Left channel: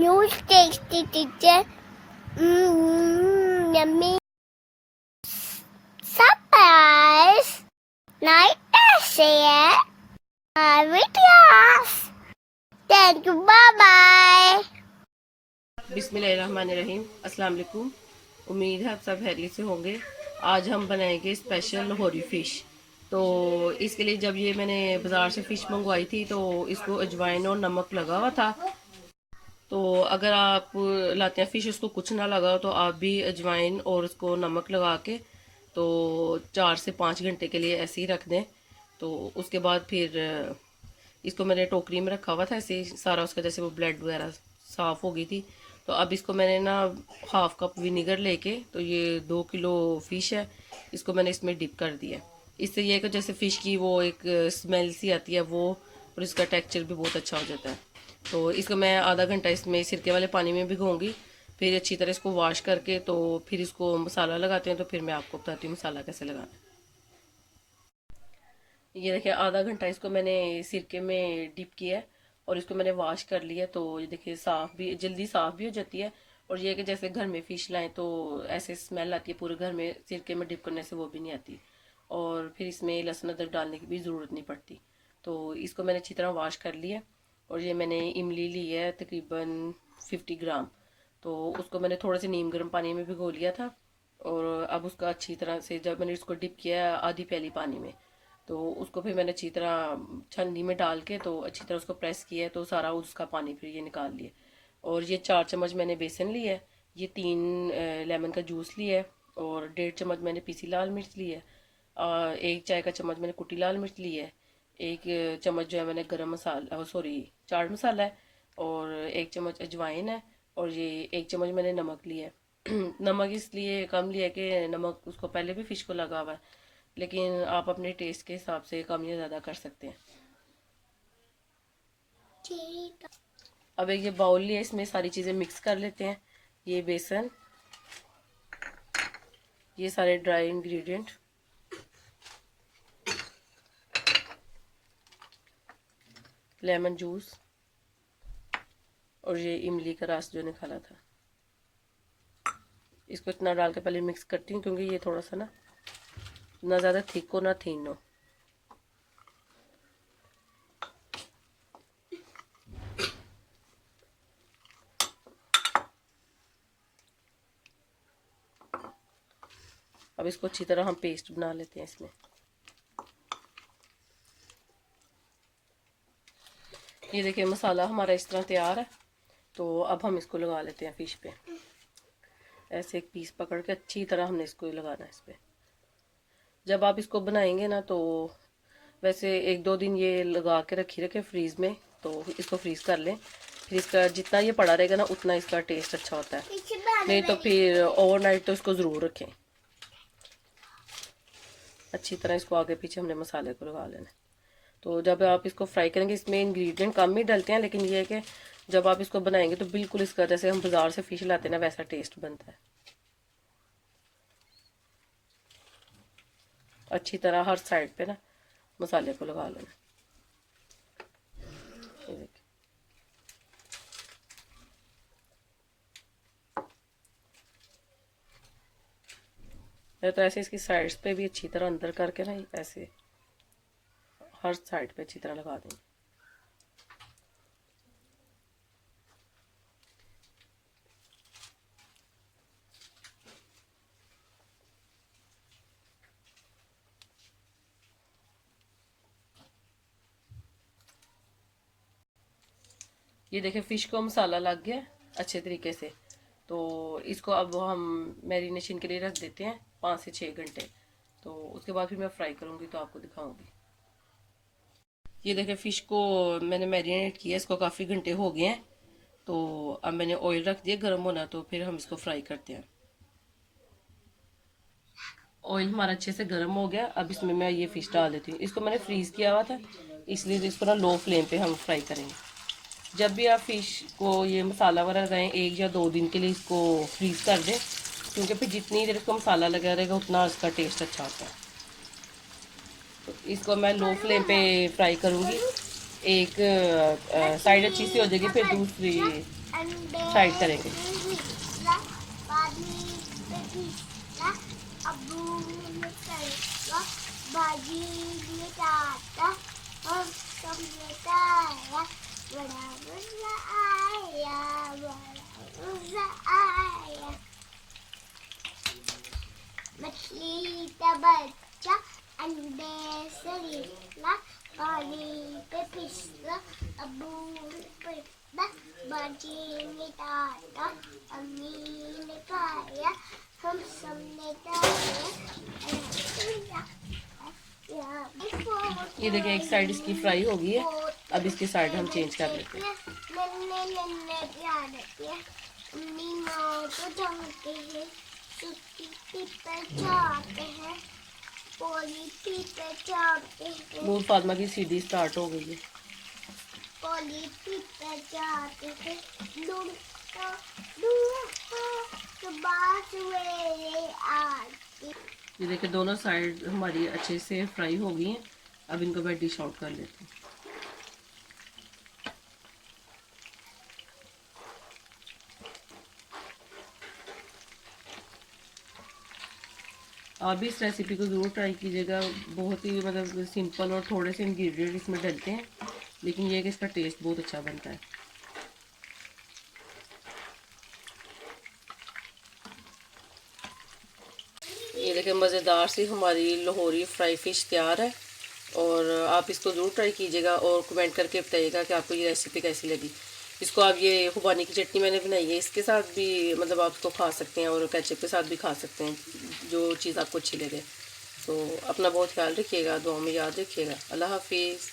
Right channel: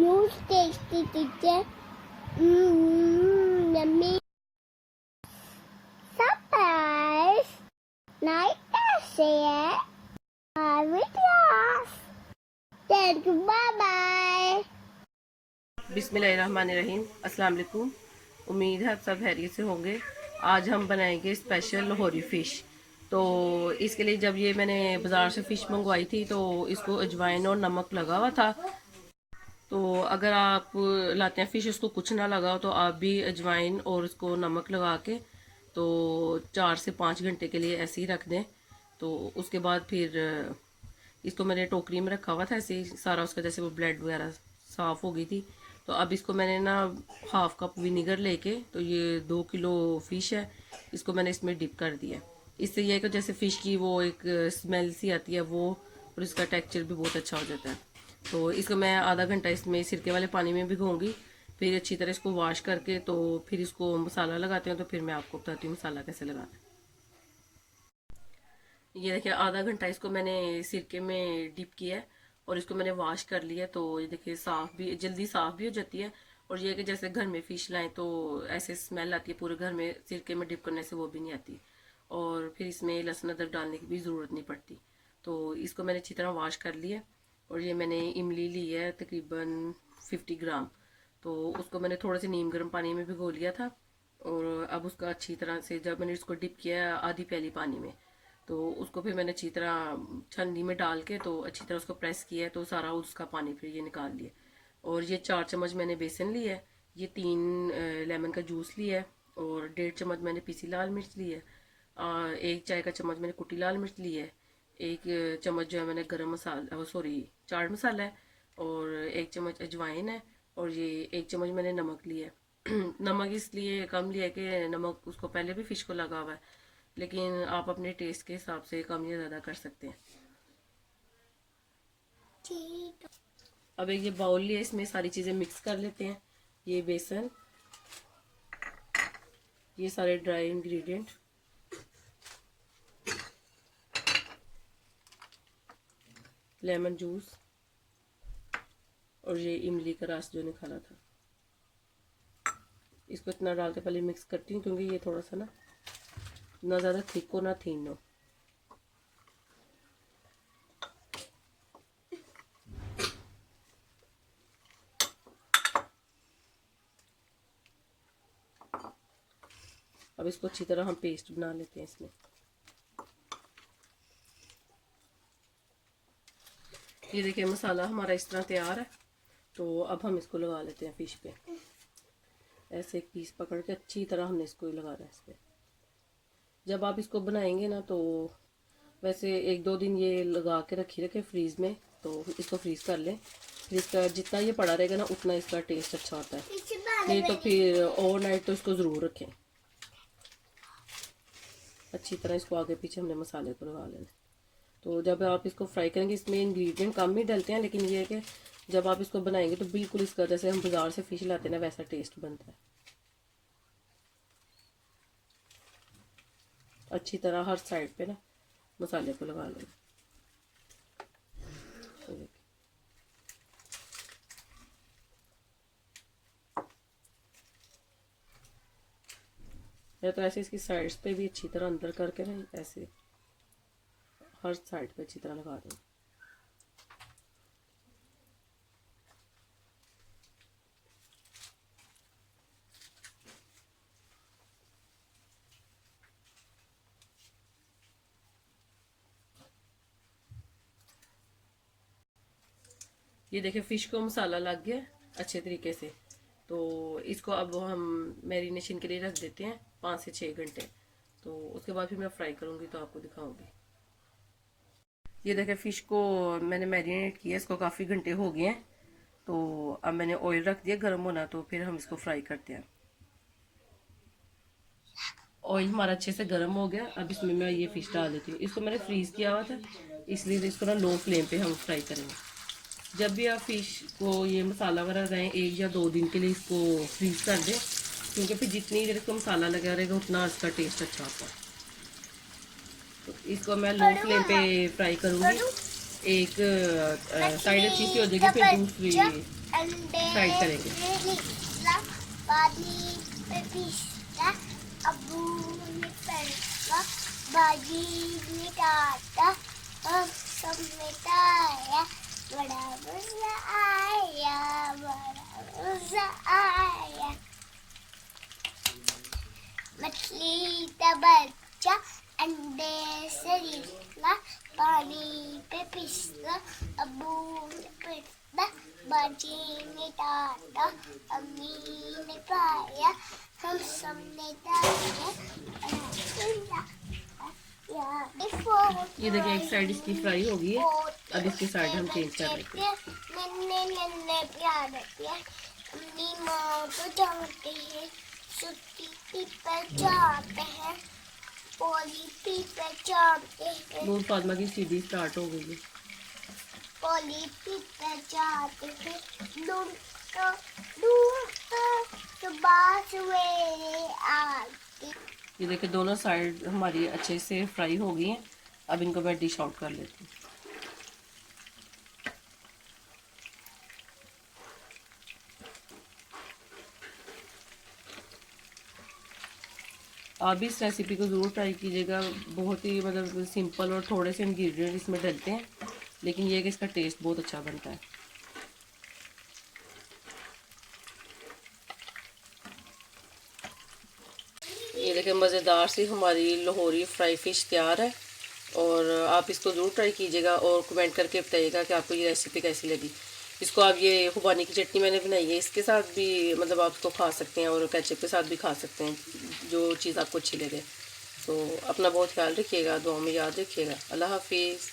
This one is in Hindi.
huge tasty teacher. Yummy. Surprise. Night share. Videos. Thank you. Bye bye. बिस्मिल्लाहिर्रहमानिर्रहीम। अस्सलाम वालेकुम। उम्मीद है आप सब खैरियत से होंगे। आज हम बनाएंगे स्पेशल लाहौरी फ़िश। तो इसके लिए जब ये मैंने बाज़ार से फ़िश मंगवाई थी तो इसको अजवाइन और नमक लगा हुआ था। तो अगर आप लाते हैं फ़िश उसको कुछ ना लगा हो तो आप भी अजवाइन और उसको नमक लगा के तो 4 से 5 घंटे के लिए ऐसे ही रख दें। तो उसके बाद फिर इसको मैंने टोकरी में रखा हुआ था ऐसे ही सारा उसका जैसे वो ब्लड वगैरह साफ़ हो गई थी। तो अब इसको मैंने ना हाफ़ कप विनीगर लेके तो ये 2 किलो फ़िश है, इसको मैंने इसमें डिप कर दिया। इससे ये है कि जैसे फ़िश की वो एक स्मेल सी आती है वो, और इसका टेक्सचर भी बहुत अच्छा हो जाता है। तो इसको मैं आधा घंटा इसमें सिरके वाले पानी में भिगोऊँगी, फिर अच्छी तरह इसको वॉश करके तो फिर इसको मसाला लगाते हैं। तो फिर मैं आपको बताती हूँ मसाला कैसे लगाना है। ये देखिए आधा घंटा इसको मैंने सिरके में डिप किया है और इसको मैंने वॉश कर लिया। तो ये देखिए साफ़ भी जल्दी साफ़ भी हो जाती है। और ये कि जैसे घर में फ़िश लाएं तो ऐसे स्मेल आती है पूरे घर में, सिरके में डिप करने से वो भी नहीं आती। और फिर इसमें लहसुन अदरक डालने की भी ज़रूरत नहीं पड़ती। तो इसको मैंने अच्छी तरह वॉश कर लिया। और ये मैंने इमली ली है तकरीबन 50 ग्राम। तो उसको मैंने थोड़े से नीम गर्म पानी में भिगो लिया था। और अब उसका अच्छी तरह से जब मैंने इसको डिप किया आधी प्याली पानी में, तो उसको फिर मैंने अच्छी तरह छन्नी में डाल के तो अच्छी तरह उसको प्रेस किया है। तो सारा उसका पानी फिर ये निकाल लिया। और ये 4 चम्मच मैंने बेसन लिया है, ये 3 लेमन का जूस लिया है, और 1.5 चम्मच मैंने पीसी लाल मिर्च ली है, और 1 चाय का चम्मच मैंने कुटी लाल मिर्च ली है, 1 चम्मच जो है मैंने गरम मसाला सॉरी चाट मसाला है, और 1 चम्मच अजवाइन है, और ये 1 चम्मच मैंने नमक लिया है। नमक इसलिए कम लिया कि नमक उसको पहले भी फ़िश को लगा हुआ है, लेकिन आप अपने टेस्ट के हिसाब से कम या ज़्यादा कर सकते हैं। अब एक ये बाउल लिया, इसमें सारी चीज़ें मिक्स कर लेते हैं। ये बेसन, ये सारे ड्राई इंग्रेडिएंट, लेमन जूस, और ये इमली का रस जो निकाला था। इसको इतना डाल के पहले मिक्स करती हूँ क्योंकि ये थोड़ा सा ना ज़्यादा थिक हो ना थीन हो। अब इसको अच्छी तरह हम पेस्ट बना लेते हैं इसमें। ये देखिए मसाला हमारा इस तरह तैयार है। तो अब हम इसको लगा लेते हैं फ़िश पे। ऐसे एक पीस पकड़ के अच्छी तरह हमने इसको लगाना है इस पर। जब आप इसको बनाएंगे ना तो वैसे 1-2 दिन ये लगा के रखे फ्रीज़ में, तो इसको फ्रीज़ कर लें। फिर इसका जितना ये पड़ा रहेगा ना उतना इसका टेस्ट अच्छा होता है। नहीं तो फिर ओवरनाइट तो इसको ज़रूर रखें। अच्छी तरह इसको आगे पीछे हमने मसाले को लगा लेना। तो जब आप इसको फ्राई करेंगे, इसमें इंग्रेडिएंट कम ही डलते हैं, लेकिन ये है कि जब आप इसको बनाएंगे तो बिल्कुल इसका जैसे हम बाजार से फ़िश लाते हैं ना वैसा टेस्ट बनता है। अच्छी तरह हर साइड पे ना मसाले को लगा लेना। तो ऐसे इसकी साइड्स पे भी अच्छी तरह अंदर करके ना ऐसे हर साइड पे अच्छी तरह लगा देंगे। ये देखिए फ़िश को मसाला लग गया अच्छे तरीके से। तो इसको अब हम मैरिनेशन के लिए रख देते हैं 5 से 6 घंटे। तो उसके बाद फिर मैं फ्राई करूँगी तो आपको दिखाऊंगी। ये देखिए फ़िश को मैंने मैरिनेट किया, इसको काफ़ी घंटे हो गए हैं। तो अब मैंने ऑयल रख दिया गर्म होना, तो फिर हम इसको फ्राई करते हैं। ऑयल हमारा अच्छे से गर्म हो गया। अब इसमें मैं ये फ़िश डाल देती हूँ। इसको मैंने फ्रीज़ किया हुआ था, इसलिए इसको ना लो फ्लेम पे हम फ्राई करेंगे। जब भी आप फ़िश को ये मसाला वगैरह लगाएं 1 या 2 दिन के लिए इसको फ्रीज़ कर दें, क्योंकि फिर जितनी देर इसको मसाला लगा रहेगा उतना इसका टेस्ट अच्छा होता है। तो इसको मैं लो फ्लेम पे फ्राई करूँगी। एक साइड अच्छी सी हो जाएगी, फिर दूसरी साइड करेंगे। बाजी में डाटा हम सब मिटाया, बड़ा मजा आया, बड़ा मजा आया। मछली का बच्चा अंडे से निकला, पानी पे फिसला, अबू ने पिटा, बाजी ने डांटा, अम्मी ने खाया, हम सब ने खाया। ये देखिए एक साइड इसकी फ्राई हो गई है, अब इसकी साइड हम चेंज कर लेते हैं। नन्हे नन्हे प्यार है, अपनी माँ को जानते हैं, छुट्टी पर जाते हैं, पॉलिटी पर जाते हैं। नूर फातिमा की सीढ़ी स्टार्ट हो गई है। पॉलिटी पर जाते हैं, लूटो तो बात वेले आती। ये देखिए दोनों साइड हमारी अच्छे से फ्राई हो गई हैं, अब इनको मैं डिश आउट कर लेती हूँ। आप भी इस रेसिपी को ज़रूर ट्राई कीजिएगा। बहुत ही मतलब सिंपल और थोड़े से इंग्रेडिएंट इसमें डलते हैं, लेकिन ये है कि इसका टेस्ट बहुत अच्छा बनता है। ये देखिए मज़ेदार सी हमारी लाहौरी फ्राई फ़िश तैयार है, और आप इसको ज़रूर ट्राई कीजिएगा और कमेंट करके बताइएगा कि आपको ये रेसिपी कैसी लगी। इसको आप ये खुबानी की चटनी मैंने बनाई है, इसके साथ भी मतलब आप इसको खा सकते हैं और केचप के साथ भी खा सकते हैं, जो चीज़ आपको अच्छी लगे। तो अपना बहुत ख्याल रखिएगा, दुआ में याद रखिएगा। अल्लाह हाफिज़।